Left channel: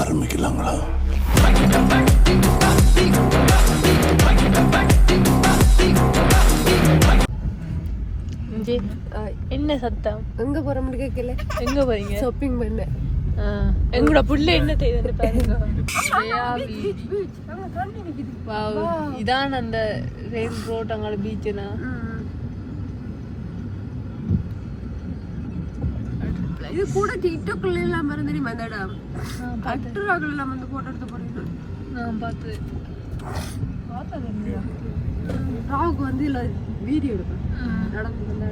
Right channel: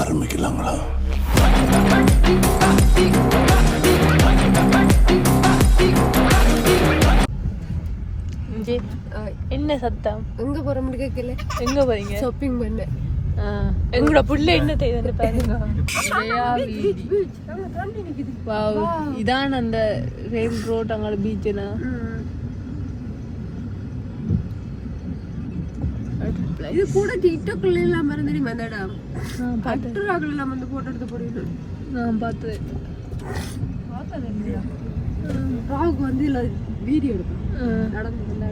ஆரம்பிக்கலாங்களா? என்ன சத்தம்? எங்க போறோம்னு கேட்கல எங்க போறீங்க? ஷாப்பிங் பண்ண. எங்களோட புள்ள என்ன செய்யுதுன்னு பாருங்க. இதான் அந்த ரேக் ரோட் அங்கே பீச் இது கூட டிக்டாக்ல எல்லாம் மறந்து இந்த இடம் அட்டுராக்கள் எல்லாம் வந்து போட்டோ எடுத்து போறீங்க நான் பார்த்தேன். ராவுக்கு வந்து இல்ல வீடியோ எடுப்பேன். நடந்து வந்த.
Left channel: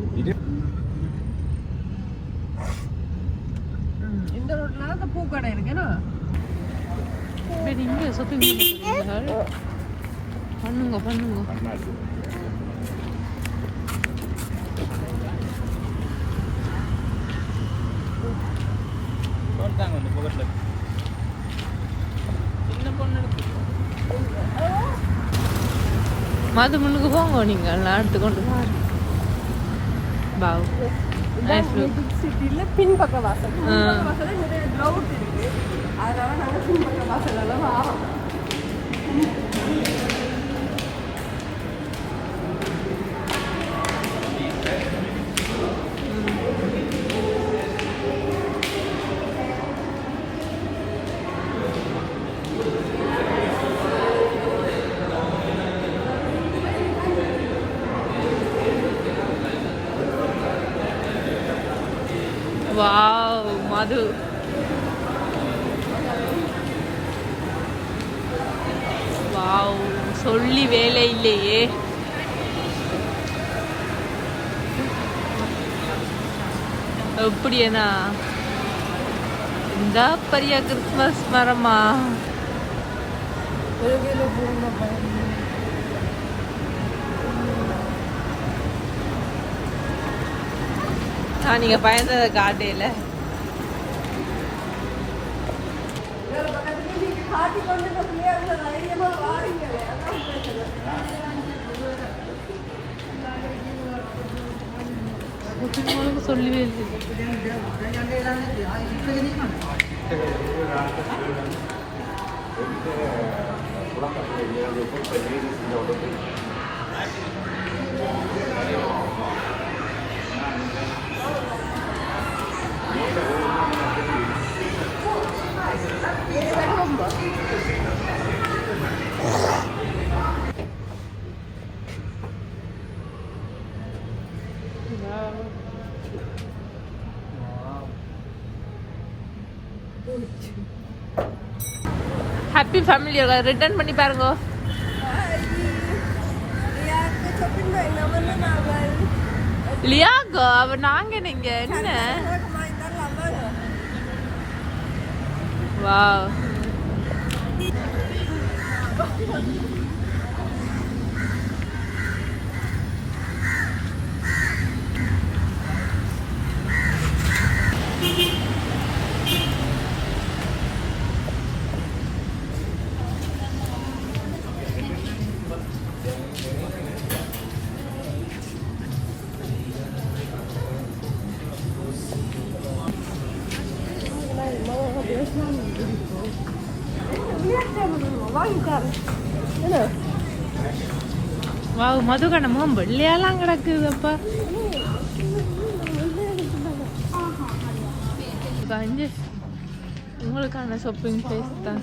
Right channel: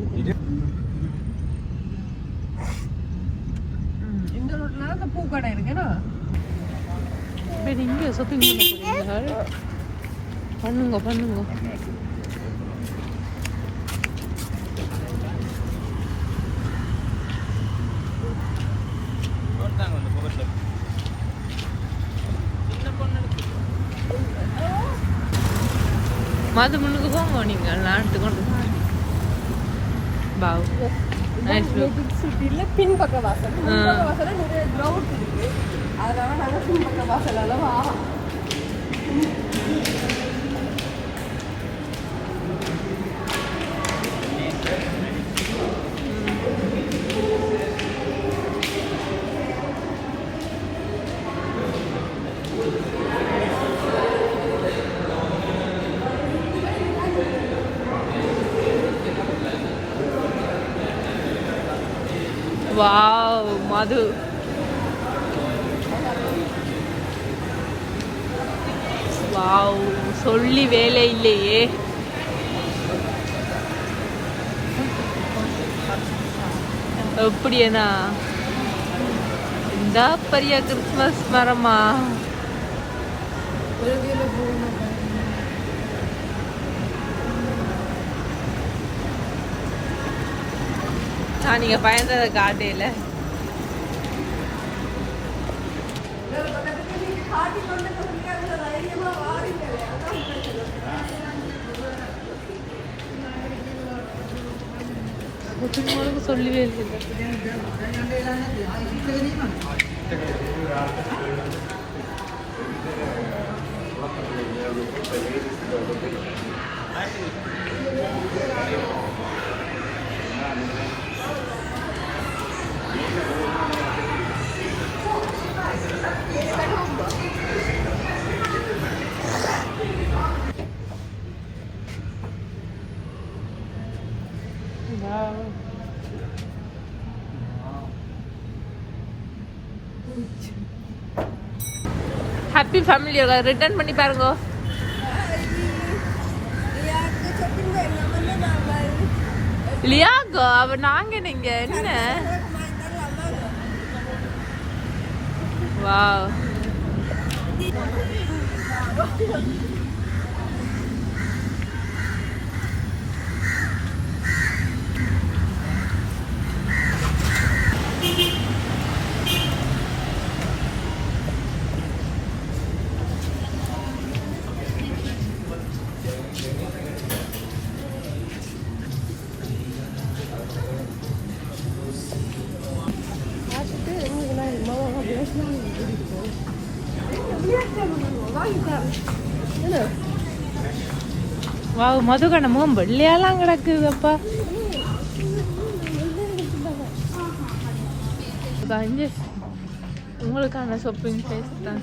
இந்த ரோட்ல அந்த பூக்கடை இருக்குன்னா இங்கே ஷாப்பிங் பண்ண போறீங்களா? பண்ணுங்க பண்ணுங்க. மது முன்னுக்கு போங்க நீங்க நான் எடுத்துக்கொண்டு பாவ் பின்பக்க வாசல். அதனால பின்பக்க வாசல் அளவு வாவ் மது. வாவ் சொல்லி வேலை இல்லையே. எப்படியேனா இந்த பெரிய கிறிஸ்மஸ் மரமா? நான் நீங்க பயந்ததை காட்டையில. சொல்லவே இல்லை ஹாப்பி ஃபேமிலியோட ரிட்டர்ன் பண்ணி பாருங்க. லியாகோ அவ நாங்க நீங்க என்ன? வாவ் மதுகணமும் வெள்ளையெல்லாம் முகம் கிடக்குது அப்பா அஞ்சு. உங்களுக்கான ஷாப்பிங் பிளேஸ் தான்.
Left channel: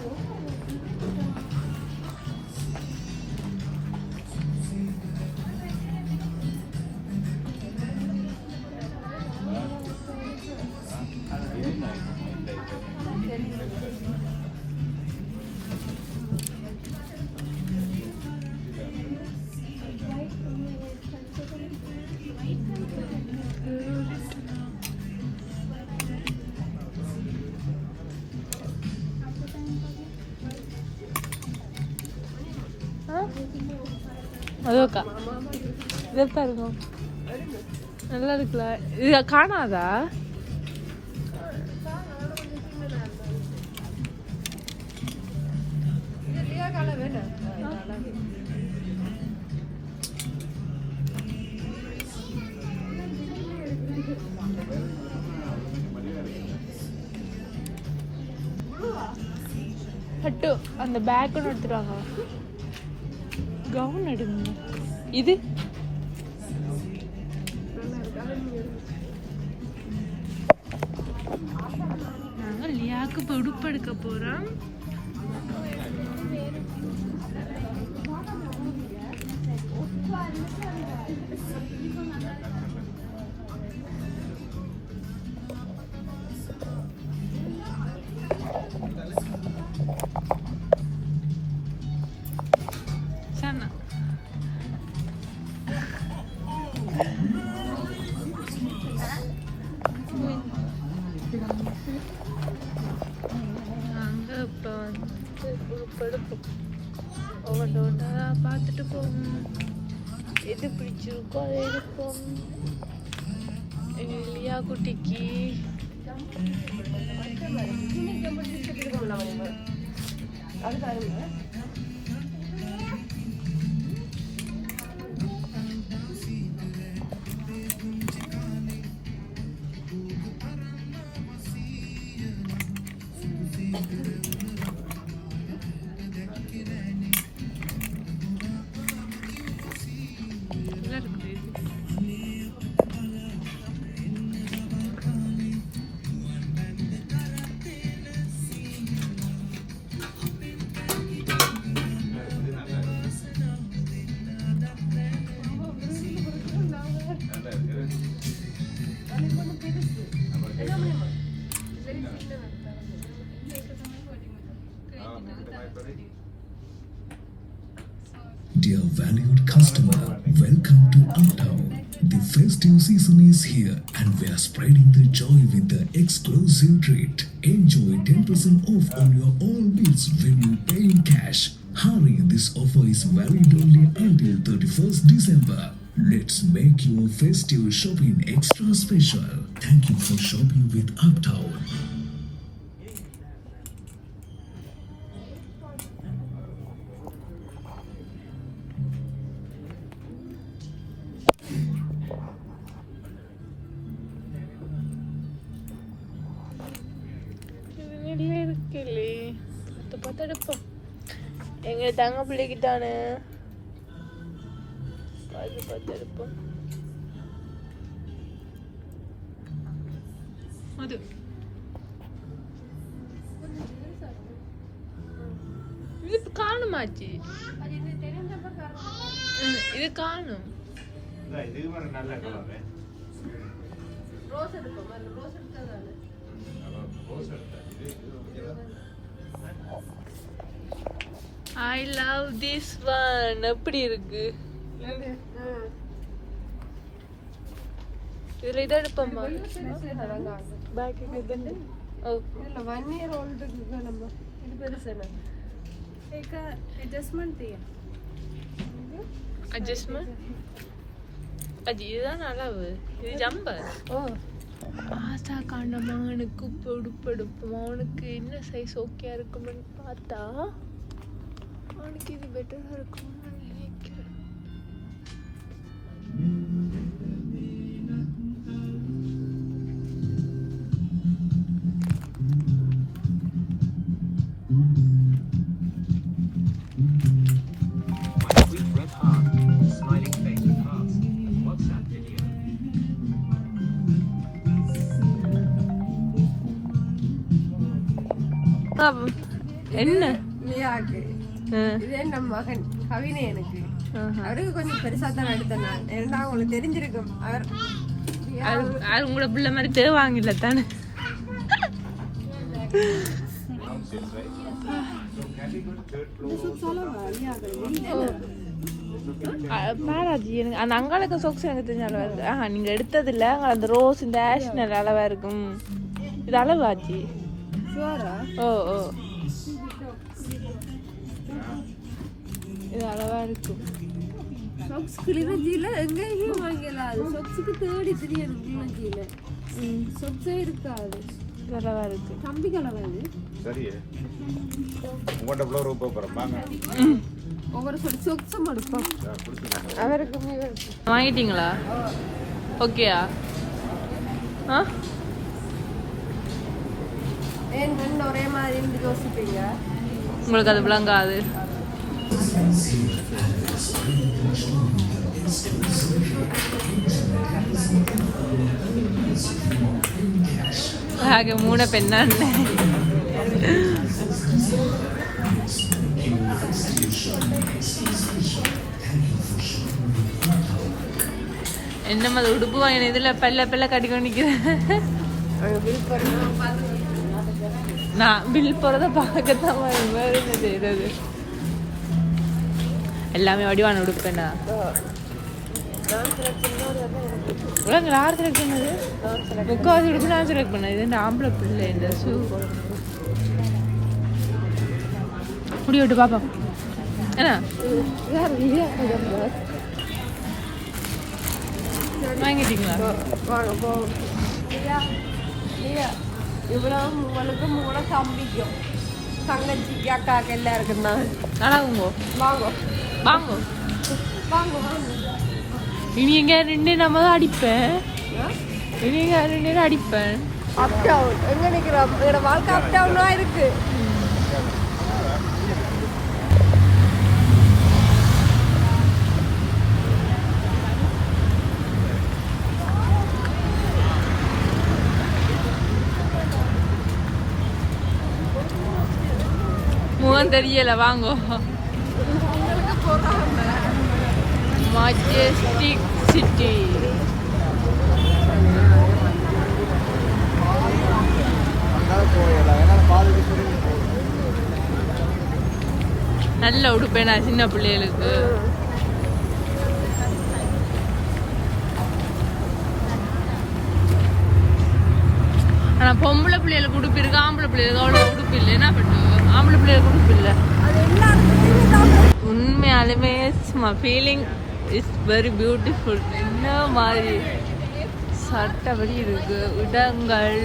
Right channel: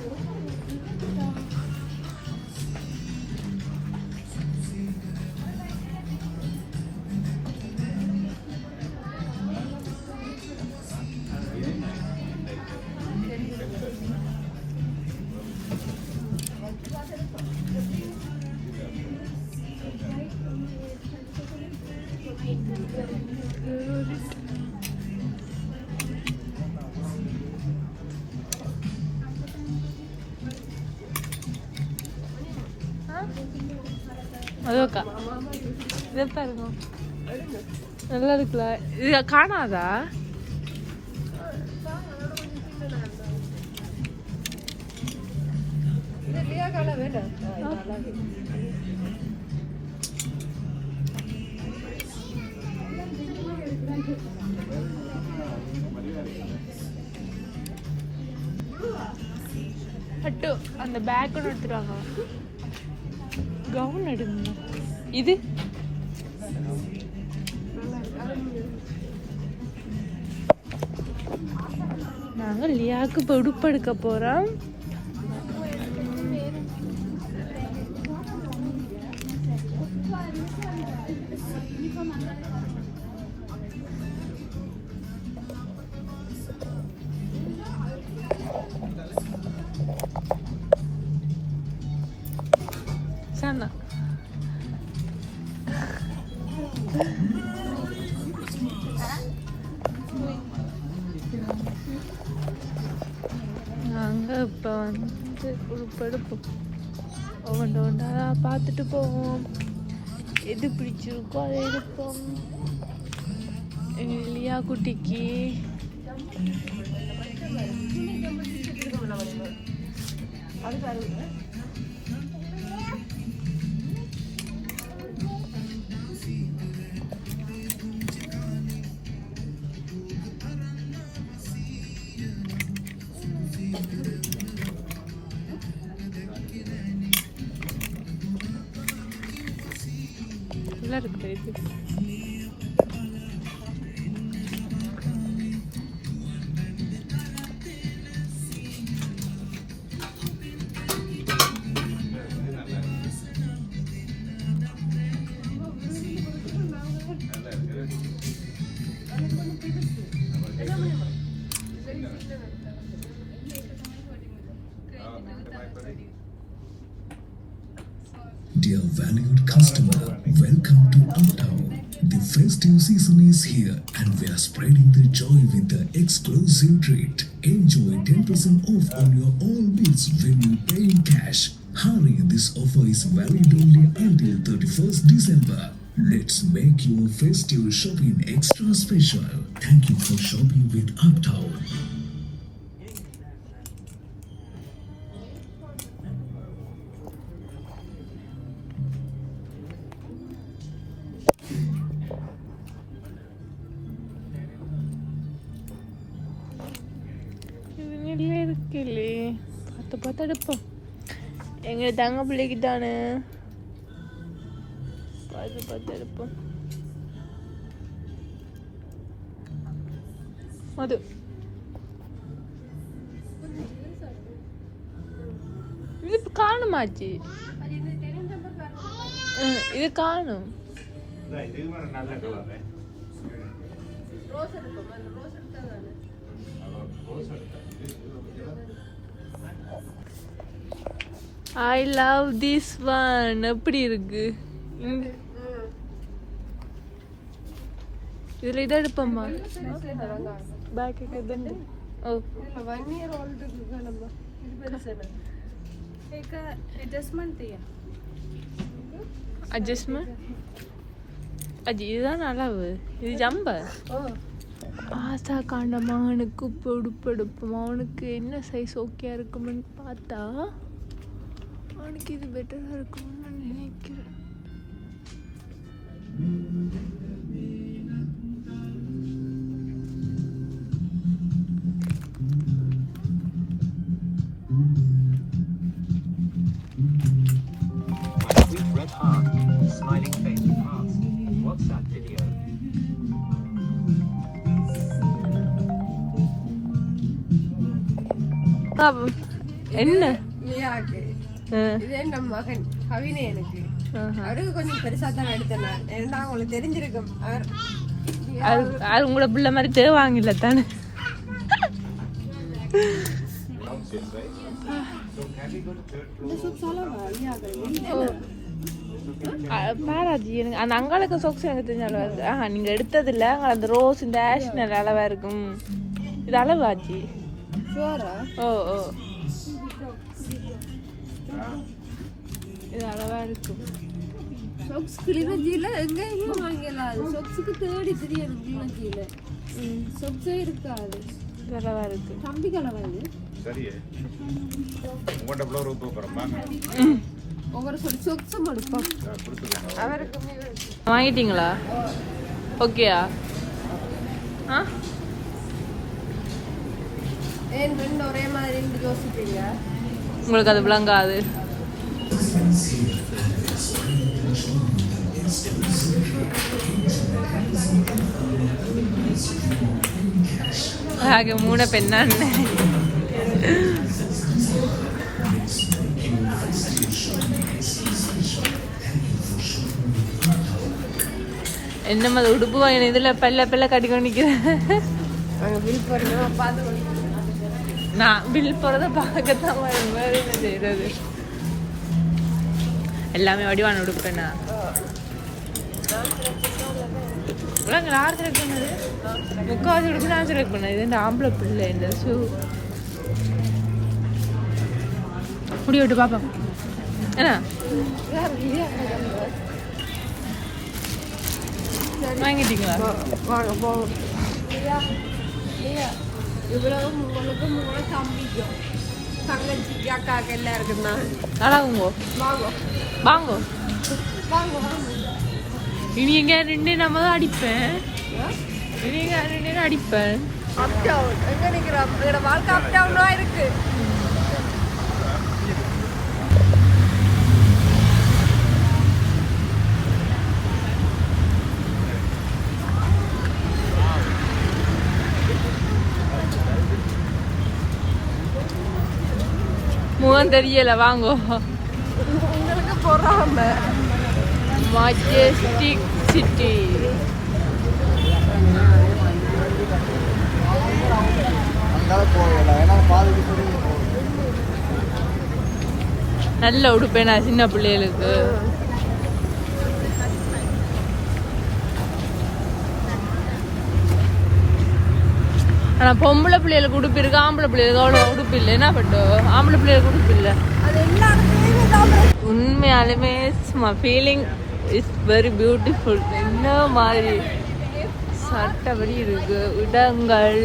அதோக்கா இதை பாருங்க நல்லா இருக்குல்ல. இது காணாதா? பட்டு அந்த பேக் ஒன்று எடுத்துட்டாங்க கவுன் எடுங்க இது. நாங்கள் லியாவுக்கு இப்போ உடுப்பு எடுக்க போகிறோம் பார்த்துட்டு போவோம் எது பிடிச்சிருக்கோ அதை எடுப்போம் லியா குட்டிக்கு நல்லா festive season is here and we are spreading the joy with the exclusive treat. Enjoy 10% off on your all bills when you pay in cash. Hurry, this offer is valid only until 31st December. Let's make your festive shopping extra special. Thank you for shopping with Uptown. எங்க தங்க பிள்ளைக்கு தானே மது இது காணுமாச்சு இது காணும் நல்ல colour I love this one எப்படி இருக்கு ம். இதை எடுப்போமா பெருசு தானங்க. பேக் இது பெருசு இல்லை. அட்ஜஸ்ட்மெண்ட் அது இதுதான் அளவு இது ஜம்ப ஆசா காண்ட மகனுக்கு பொடுப்படுப்போம் அவனுக்கு என்ன சைஸ் ஓகே இருக்கும்னு பார்த்தா என்ன? என் மகன் கவினை எனக்கு. அவருக்கு கொஞ்சம் பெருசா தான் எடுத்தேன் நான். ஏன்னா உங்களுக்கு தெரிஞ்சிருக்கும். அவர் அது உங்களோட பிள்ளை மாதிரி தேவாங்கல்ல தானே? பாராஜி எனக்கு அந்த அங்காளுக்கு சொக்ஸ் எனக்கு தெரிஞ்ச அளவா இருக்கு. ஆஹா நீங்க எடுத்தது இல்ல அந்த ரோஸ் இந்த ஆஷ் நல்ல அளவா இருக்கும். இது அளவாச்சு ஓ ஓ இது அளவா இருக்கும் சொக்ஸ் கிளிநொச்சியில எங்கேயுமே வாங்கலாம் அது சொக்ஸுக்கு தேடி தெரியணும் கிளிநொச்சியில ம் சொக்ஸே இருக்காது. இது அளவா இருக்கு எவ்வளோ ரூபா போகிறோம் ஒவ்வொரு சொல் சொக்ஸும் எடுப்போம். அவருக்கு. வாங்கிட்டீங்களா? ஓகேயா? ஆ? ஏன் ரெண்டு ஒரே மாதிரி இருந்து யோசிப்பீங்க உங்களுக்கு அது விளங்காது ಹಾಗೆ ಮೂಡ ಪೆನ್ನ என்னம்மா அது உடுப்பு வாங்கின இதுல பெல்ல பெல்ல கட்டிக்கொண்டு நிக்கிறேன் நான் பில் போறத பார்க்கத்தான் என்ன செய்தது எல்லாமே வடிவான உடுப்புண்ணா இவங்க யார் செலக்ட் பண்ணது முக்காவது உடுப்பு நான் செலக்ட் பண்ணேன் இது இந்த ஆம்பளை பிள்ளை இந்த ஷூ முடி விட்டு பார்ப்போம் என்ன வாங்கிட்டீங்களா இவ்வளவு உங்களுக்கு மூணு சம்பிக்கும் தங்கச்சிக்கு அக்காக்கு எல்லாருக்கும் வாங்க. வாங்கோ. வாங்க. வாங்க இனி எங்க ரெண்டு நம்ம தான் அடிப்பேன். இனி எங்க ரெண்டு அடிப்பேன். அப் டவுன் எங்க நிக்கிறோம்? எங்களோட வாழ்க்கை அப் டவுனா இருக்கு. முகம் தெரியல வாங்கோ மஜெஸ்டிக் சிட்டி நல்ல உடுப்பேனா சின்ன பிள்ளைகளுக்கு. ஆனா பொம்பளை பிள்ளைகளுக்கு உடுப்பு இருக்கு ஆம்பளை பிள்ளைகளுக்கு அவ்வளோ உடுப்பு இல்லை. என்ன பண்ணுவோம் ஆம்பளை பிள்ளைகளுக்கு உடுப்பு இல்லை. உண்மையாலுமே ஃபீலிங் இஸ் வெரி பியூட்டிஃபுல் என்ன மாதிரி சட்டப்படி இருக்கு. இடங்கள்.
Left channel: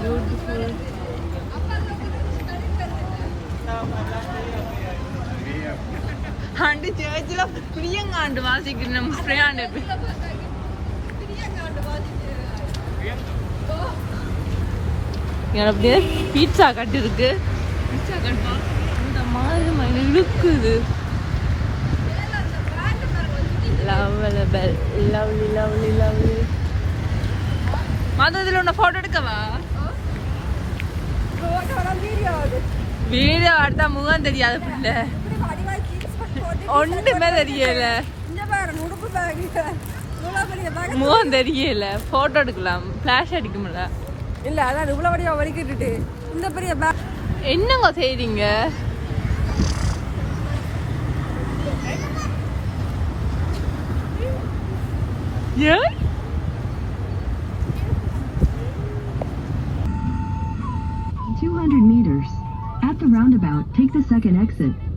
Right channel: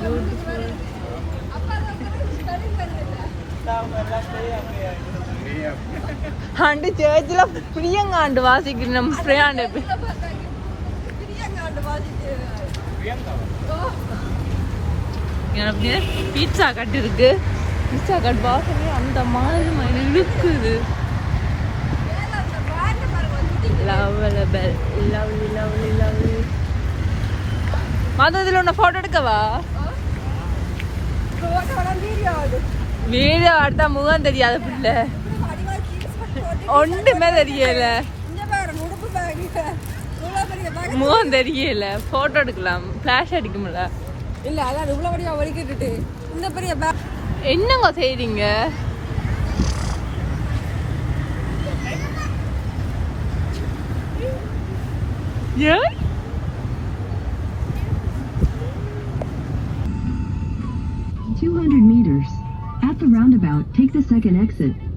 பியூட்டிஃபுல் ஆண்டு சேர்ச்சில் பிரியங்காண்டு வாசிக்கணும். பிரியாண்டு எனக்கு பீட்சா கட் இருக்கு. பீட்சா கட் வாசனை அந்த மாதிரி இருக்குது இழுக்குது. லவ்லி லவ்லி லவ்லி லவ்லி இதில் ஒன்று ஃபோட்டோ எடுக்கவா? வீடியோ எடுத்தா முகம் தெரியாது பிள்ளை. ஒன்றுமே தெரியல. முகம் தெரியல. ஃபோட்டோ எடுக்கலாம். ஃபிளாஷ் அடிக்க முடியல இல்ல அதான் இவ்வளவு பெரிய வலிக்கிட்டு இந்த பெரிய பேக் என்னங்க செய்றீங்க ஏன் meters. At the roundabout, take the second exit.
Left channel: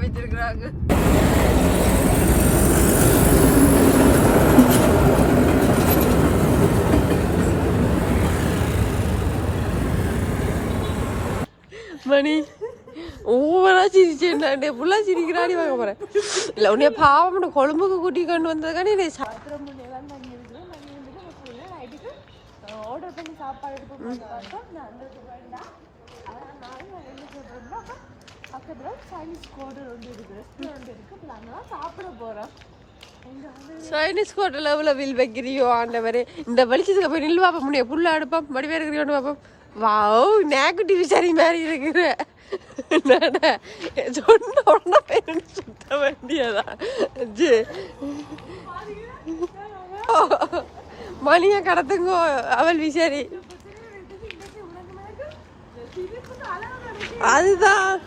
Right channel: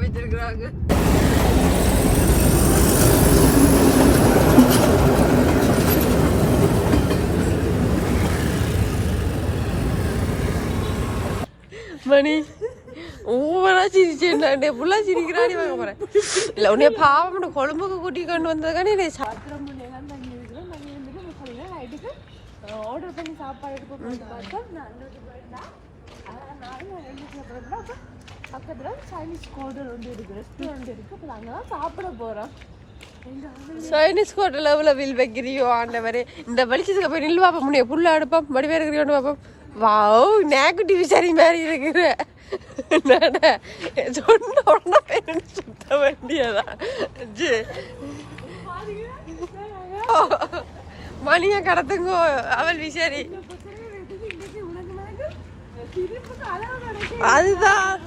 பண்ணி வச்சிருக்கிறாங்க மணி ஓவரா சிரிச்சேன்டாண்டே ஃபுல்லா சிரிக்கிறாடி வாங்க போறேன். இல்ல உன்னைய பாவம் கொழும்புக்கு கூட்டி கொண்டு வந்ததுக்கானே நீ சாத்திரம் தண்ணி இருக்கிறேன் தண்ணி வந்துட்டு நம்ம சொல்லினா நைட்டுக்கு ஆர்டர் பண்ணி சாப்பாடு எடுத்து போட்டு பார்த்தோம் நான் அங்கே நானும் நான் என்ன சாப்பிட்றேன்னா அப்போ பக்கத்தில் சைனீஸ் ஹோட்டல் ஒன்று இருக்கு. ரெஸ்டாரண்ட் இருக்கு. அப்போ அங்கே தான் சாப்பிட போகிறோம் சைனீஸ் ஹோட்டல் எவ்வளோ வில் வைக்கிறியோ ஆண்டவரே. இந்த வெளிச்சத்துக்கு போய் நில்லு பாப்பா முன்னே புல்ல அடுப்போம். வடிவே இருக்கிறோன்னு பார்ப்போம் வாவ் நேக்கு டிவி சரி மாதிரி இருக்கிற சொன்ன உடனே சுத்த வேண்டியதா? ஜி. மணிய கடத்துங்க அவள் விசாரி. அதுதான்.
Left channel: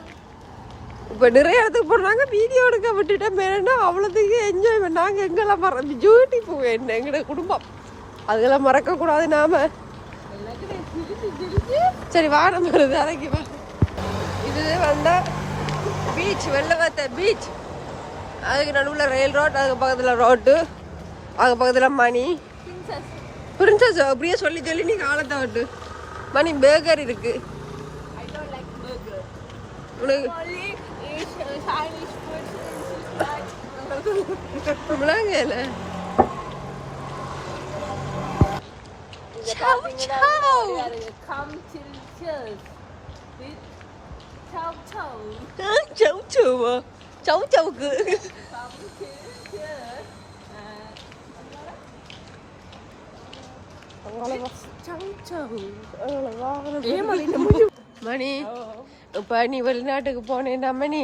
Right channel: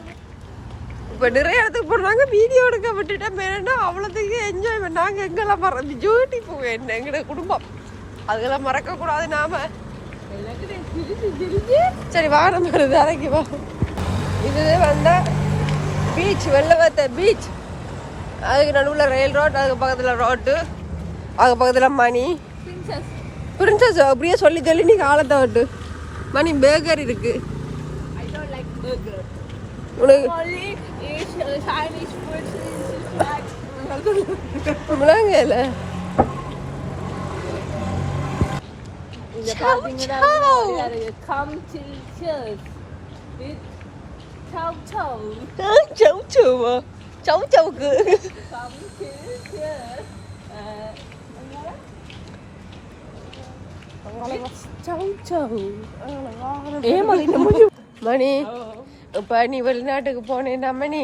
இப்போ நிறைய இடத்துக்கு போனாங்க வீடியோ எடுக்க விட்டுட்டேன். வேணா அவ்வளோத்துக்கு என்ஜாய் பண்ணாங்க எங்கெல்லாம் மற பியூட்டி போவேன் என்ன எங்களோட குடும்பம். அதெல்லாம் மறக்க கூடாது நாம. சரி வா நம்ம வேலைக்கு வா. இது வந்தா பீச் வெள்ளவத்த பீச் அதுக்கு நடுவில் ரயில் ரோட் அதுக்கு பக்கத்தில் ரோட்டு அதுக்கு பக்கத்தில் மணி. பிரின்சஸ் அப்படியே சொல்லி சொல்லி நீ காலத்தை விட்டு மணி பேக்கர் இருக்கு. உனக்கு Äh, Mlangele. Ciao, ciao. Come to church with cháu chầu. cháu chầu à? Cháu chầu cứ. Come till church. chào chào Ờ là ngon. Ế mà đi nó mới Mà đi. இப்ப நீ வெளிநாட்டுக்கு போனேன்னா மணி?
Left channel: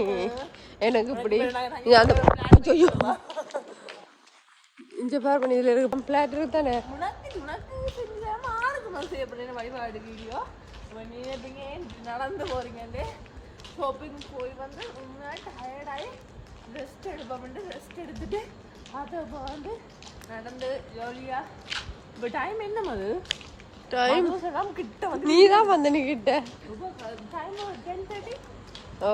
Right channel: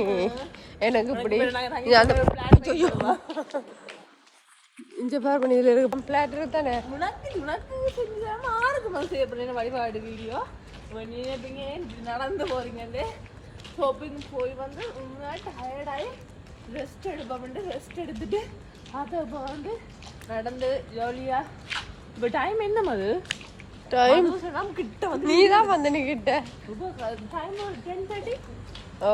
எனக்கு இப்படி. நீ அந்த. இந்த பாரு பண்ணி இதுல இருக்கு பிளாட்டர் தானே? உனக்கு உனக்கு செஞ்சாம ஆறுக்கு மாதம் செய்யப்படுற வழிபாடு வீடியோ? நீ எப்படிங்க நடந்து போறீங்கன்னு ஷாப்பிங் போய் வந்து முன்னாடி டயர்டாகி ரெஸ்ட் எடுப்போம்ட்டு ரெஸ்ட் எடுத்துட்டு அதை வந்து நடந்து ஜாலியா இப்போ டைம் என்ன அது டைம் கிட்ட வந்து நீ தான் வந்த நீ கிட்ட. டைம் ஓ.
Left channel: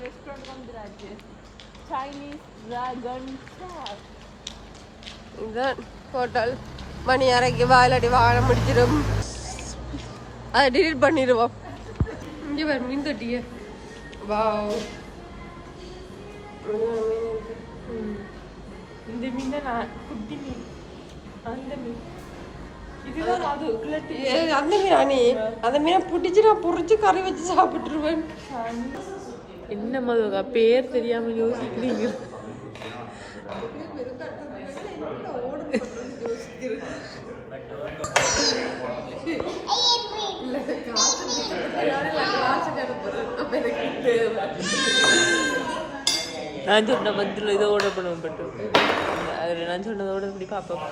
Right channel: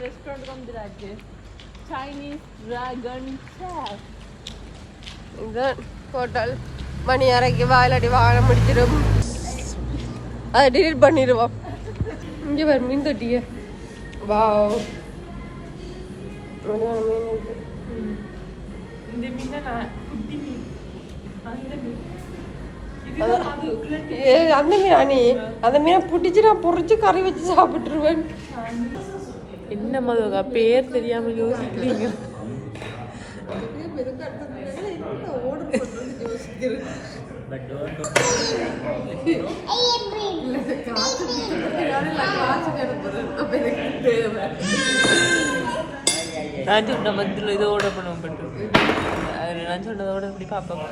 ரெஸ்டாரண்ட் வந்துடாச்சு சைனீஸ் ட்ராகன் இதுதான் ஹோட்டல் மணி அரைக்கு வாயிலடி வாழ முடிச்சிடும் அதை டிலீட் பண்ணிடுவோம். இங்கே பாரு மீன் தொட்டிய வாவ் அழகான மீன் இருக்கு. ஏ, அந்த மீனா. அந்த நீ அந்த மீனை பிடிச்சி நான் பொறிச்சு கறி வச்சு சாப்பிட்டுருவேன். என்ன மதுக்கா பேர் தெரியாம யோசிக்கிறீங்க? நான் சொன்ன மத்தியில் இதோட பண்ணுவோம் பட்டு. நான் சொன்னதோட இப்படி பார்ப்போம்.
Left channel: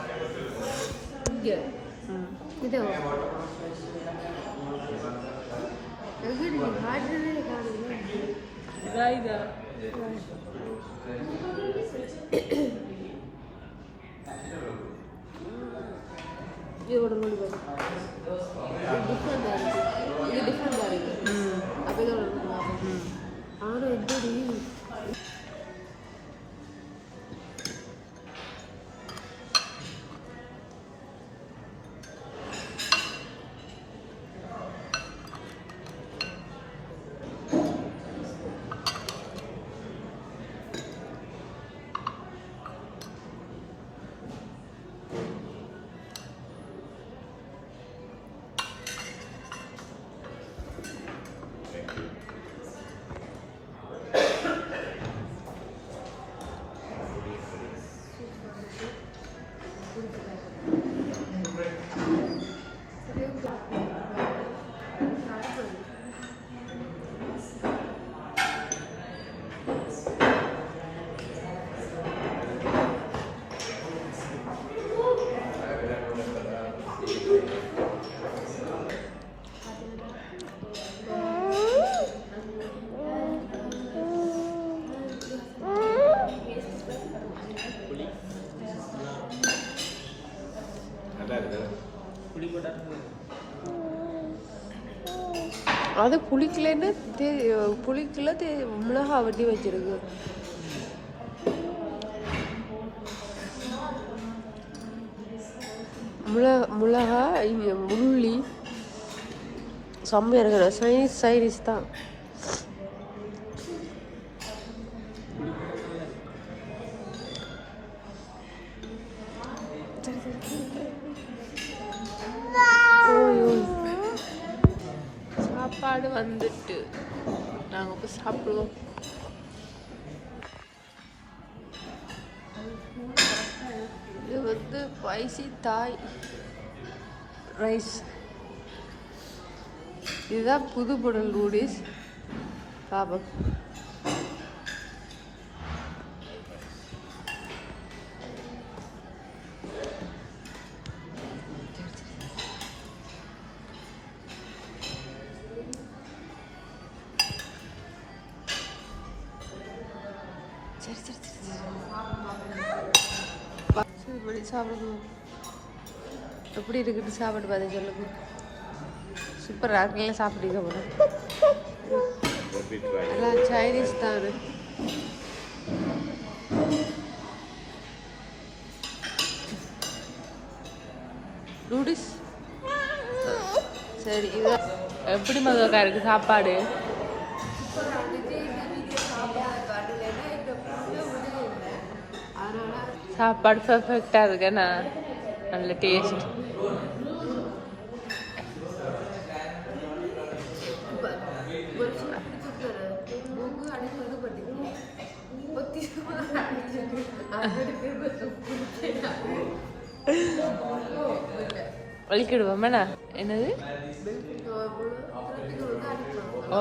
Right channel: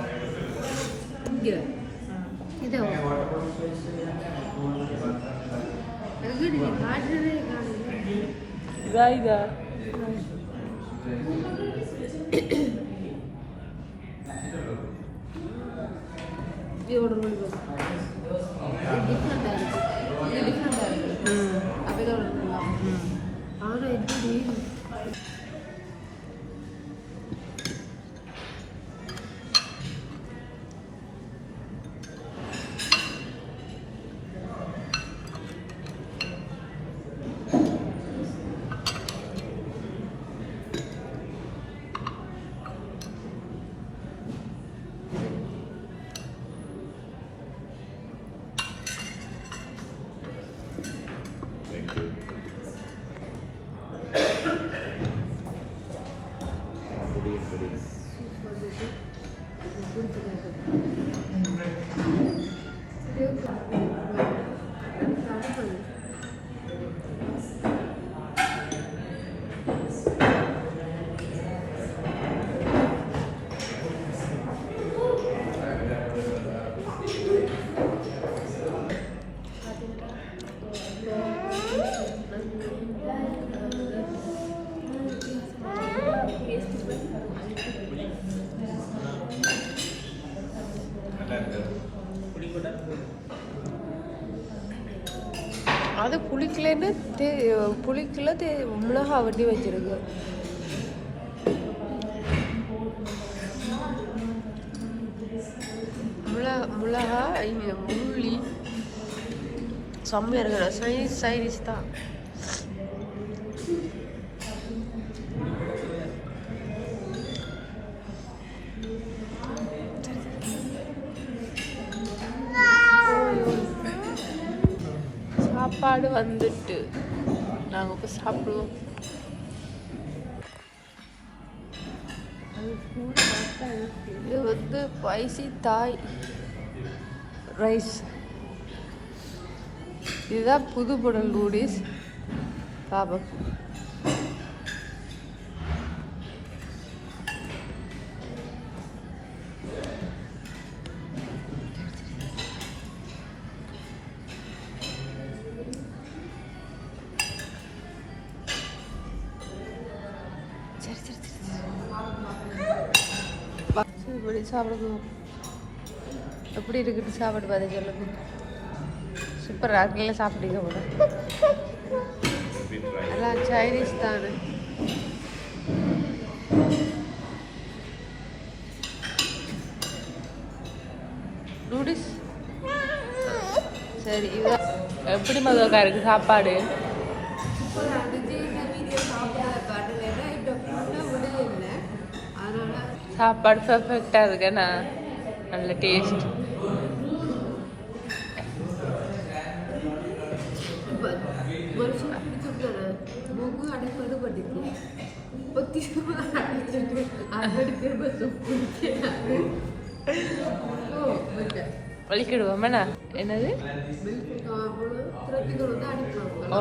இதா இதா இதோட மொழி வரும் இது டிஃப்ரெண்டாக இருக்கு இது டிஃப்ரெண்டாக இருக்கு ம் அப்போ இதோட நல்லா அது புளிக்கலன்னு தே புளிக்கல தே மிளகா வட்டி வச்சிருக்கு. மிளகா மிளகா உள்ளி செம்மையாக இருக்கிற சைனீஸ் சைனீஸ் தான். சாப்பாடு வந்துட்டு. நாங்கள் இப்போ சாப்பிடுவோம். இது வந்து ஸ்பைசி தாய் ரைஸ் இதுதான் புது புடல் நூடில்ஸ் பாபம் சாப்பிடுங்க சாப்பிடணும். எப்படி இருக்குட்டு சாப்பாடு பார்த்து சொல்லுங்க சூப்பர் ராக்கில் சாப்பிட்டீங்க போல. எல்லாம் சைனீஸ் தானே. நூடுல்ஸ் சரி இதான் எப்படி மதுவக்கா இருக்கு? சாப்பாடு? சாப்பாடு பர்ஃபெக்டாக இருக்கேண்ணா நல்ல டேஸ்ட் வலிக்கிடுவோமேண்ணா என்னது? ஓ.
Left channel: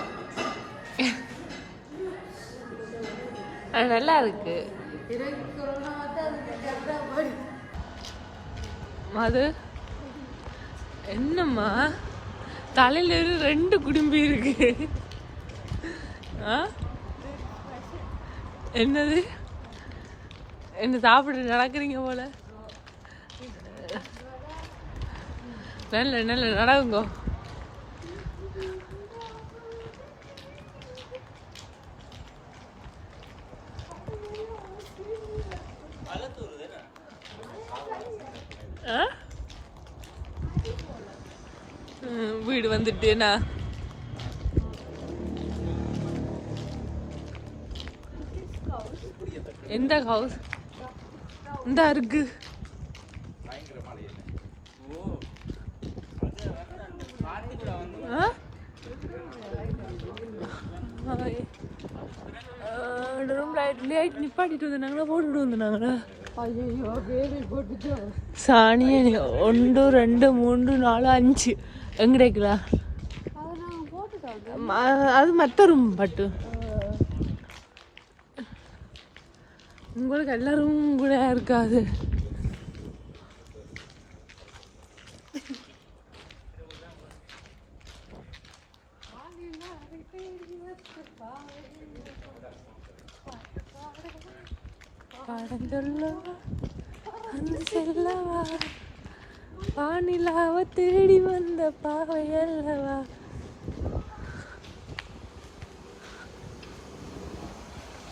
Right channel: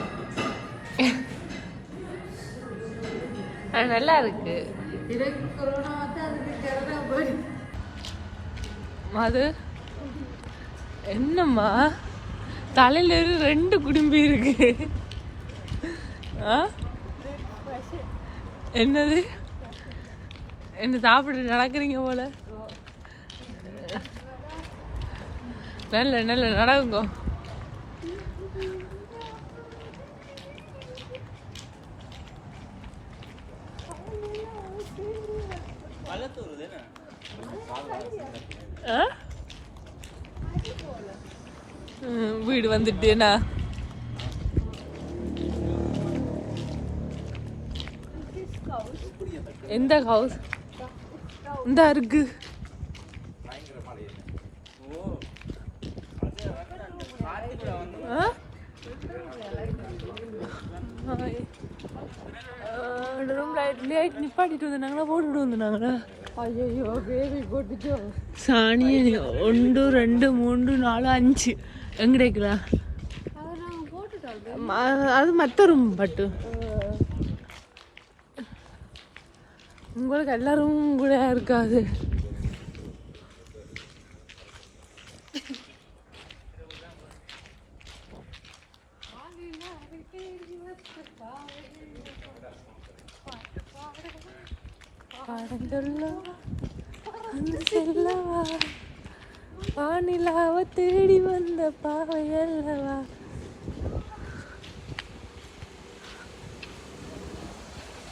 நல்லா இருக்கு. அது என்னம்மா? தலையில இருந்து ரெண்டு குடும்பி இருக்கு. ஆ? என்னது? என்ன சாப்பிட்டு நடக்கிறீங்க போல? நல்ல நல்ல நடக்குங்க. வந்துட்டேனா எந்த ஹவுஸ் இந்த இருக்கு. room light light நிப்பாட்டிட்டு வந்தாங்களா போட்டுட்டு வந்தாங்களா சாணி ஒன்று ரெண்டு மூன்று நாலு அஞ்சு. எங்க கிடைக்கிறா அது மற்ற ரூம் பட்டு. உங்களுக்கு எல்லா ரூமும் கூட இருக்காது. பாடங்கள்லாம் அந்த செல்லவா வானிலாவ தேடி வந்த பாவை அல்லவா?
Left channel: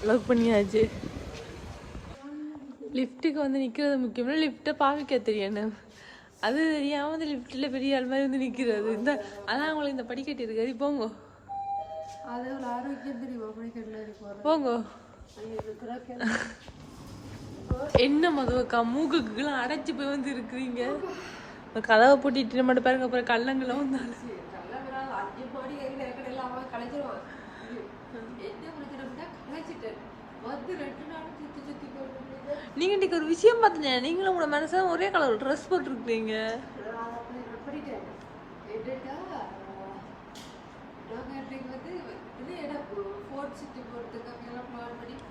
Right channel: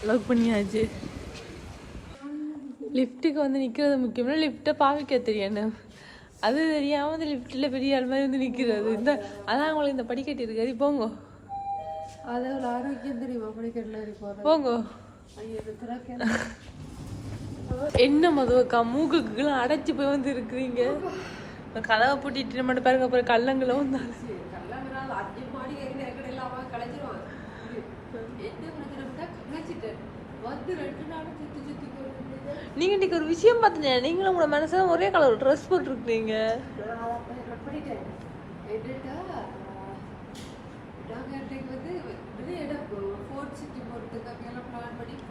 லாக் பண்ணியாச்சு. லிஃப்ட்டுக்கு வந்து நிற்கிறது முக்கியம்னா லிஃப்ட்டை பார்க்க தெரியணும். அது தெரியாமல் அந்த லிஃப்ட்டில் பெரிய ஆள் மாதிரி வந்து நிற்கிறது இந்த அதான் உங்களுக்கு இந்த படிக்கட்டு இருக்காது. போங்க. அது ஒரு ஆரோக்கியம் தெரியுமா? படிக்கட்டில் போங்க. என்ன மதுவக்கா? மூக்குக்குலாம் அடைச்சு போய் வந்து இருக்கிறீங்க. இப்போ கதவை பூட்டிட்டு மட்டும் பாருங்க அப்புறம் கல்லங்களும் வந்தாலும். நீங்க இன்னைக்கு ஒரு விஷயம் பார்த்தீங்க நீங்களும் உங்களோட மனசா ஒரே கலர் ட்ரெஸ் போட்டிருக்கீங்க. வந்து இது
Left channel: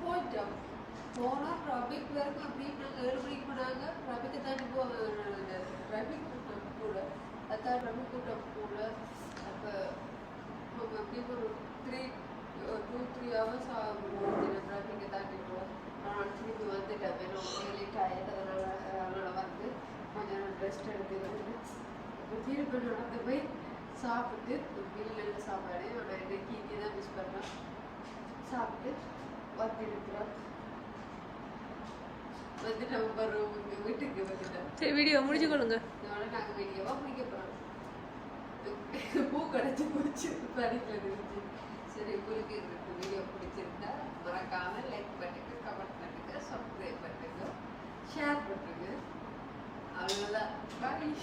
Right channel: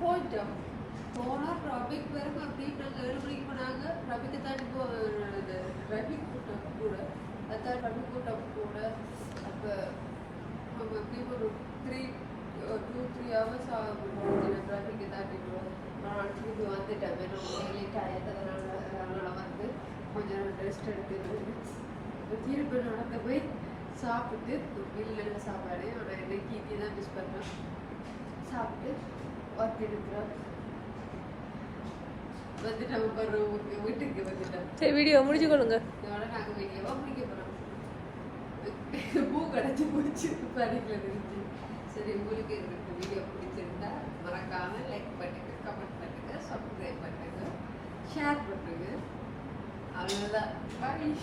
போயிட்டோம் போனால் ரபிக் வரைக்கும் அப்படி நாங்கள் ஏழு மணிக்கு போனாங்க ரபிக்கு ரபிக் அதான் ரபிக் கூட்டம் கூட அப்போ நம்ம எப்படி ஒரு த்ரீ டூ த்ரீ ஹவர்ஸ் ஆகும். ரபிக்கு தாண்டி கூட நான் திரும்பி வந்துட்டேன். வேணும் லேட் ஆகிட்டு அதனால வந்து கொஞ்சம் ரெஸ்ட் எடுக்கிறது திருப்பி நடந்து போய் சாப்பிட்டு வீட்டில் சாப்பாடு ஆனால் இன்னைக்கு இங்கே தான் மிஸ் பண்ணுறோம் சாப்பிட்டு வந்து இருக்கிறோம் வந்து நம்ம வீட்டுக்கு வந்துட்டோம் சரி வீடியோ முடிச்சு கொள்ளுங்க இதோட நாங்கள் வெளியவா முடிக்க போகிறோம் பூ கிடச்சி முடிச்சு படிக்கலன்னு சரி உங்களுக்கு எனக்கு வீடியோ பிடிச்சிருந்தா மறக்காம லைக் பண்ணுங்க கமெண்ட் பண்ணுங்க சப்ஸ்கிரைப் பண்ணுங்க ஷேர் பண்ணுங்க அவ்வளோதான் பாய்